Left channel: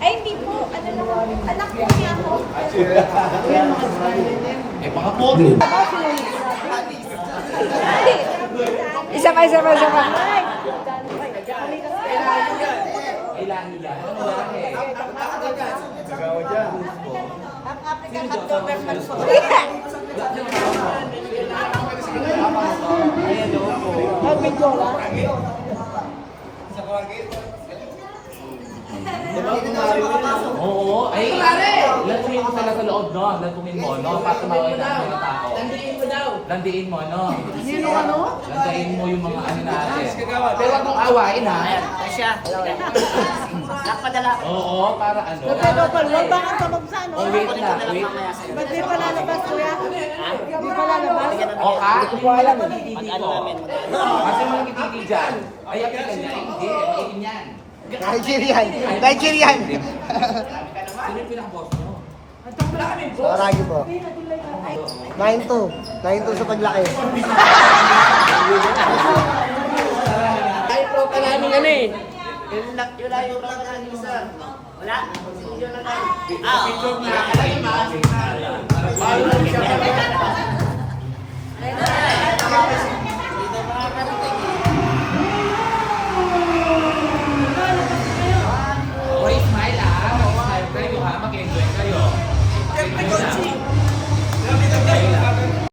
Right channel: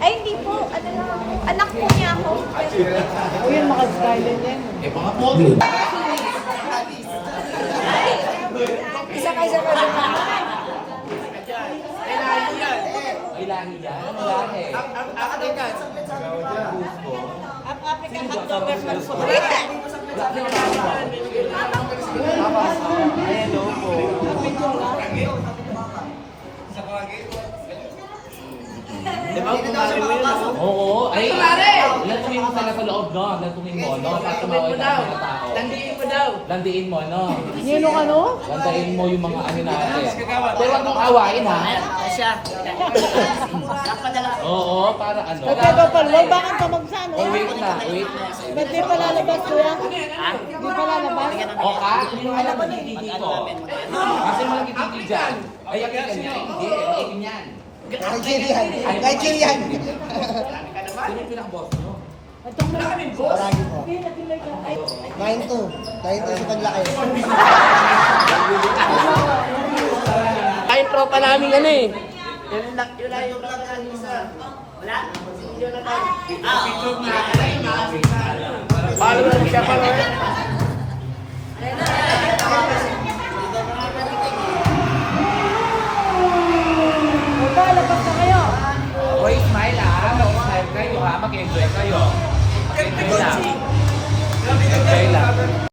Ay, hindi po. Anak po niya ako. Ayan, makagkali yan. Eh, baka po. Isa pa. Ilahi yan. Diba, kumari mo yun? Oo. Ay, lantuin mo talaga loob, no? Lantuin mo, no? Para tumawa ng mga tao. Landiin mo, no? Yun ang ano? Landiin mo yung mga ano natin. Pero huwag mong awain, ha? Oo, para ano? Bakit ka magsano? Oh, wait na, wait. Ba't di pa lalabas ko yan? Di pa lalabas? O, hindi ko alam. Kasi mo nagigigil dyan. Ay, ang ganyan. Hindi, ang yan. Nigerian. Sino yung pinaka-boss nyo? Marami po. 9-2. 9-2 sa paglaki. Ay, tropa namin yan eh. Yun lang yung tropa namin sa... Wala? Yun na tayo. Picture na. Paano lang siya pa rin? Wait, smile ha. Mag-smile kayo ha. Mag-enjoy kayo. Mag-enjoy lang.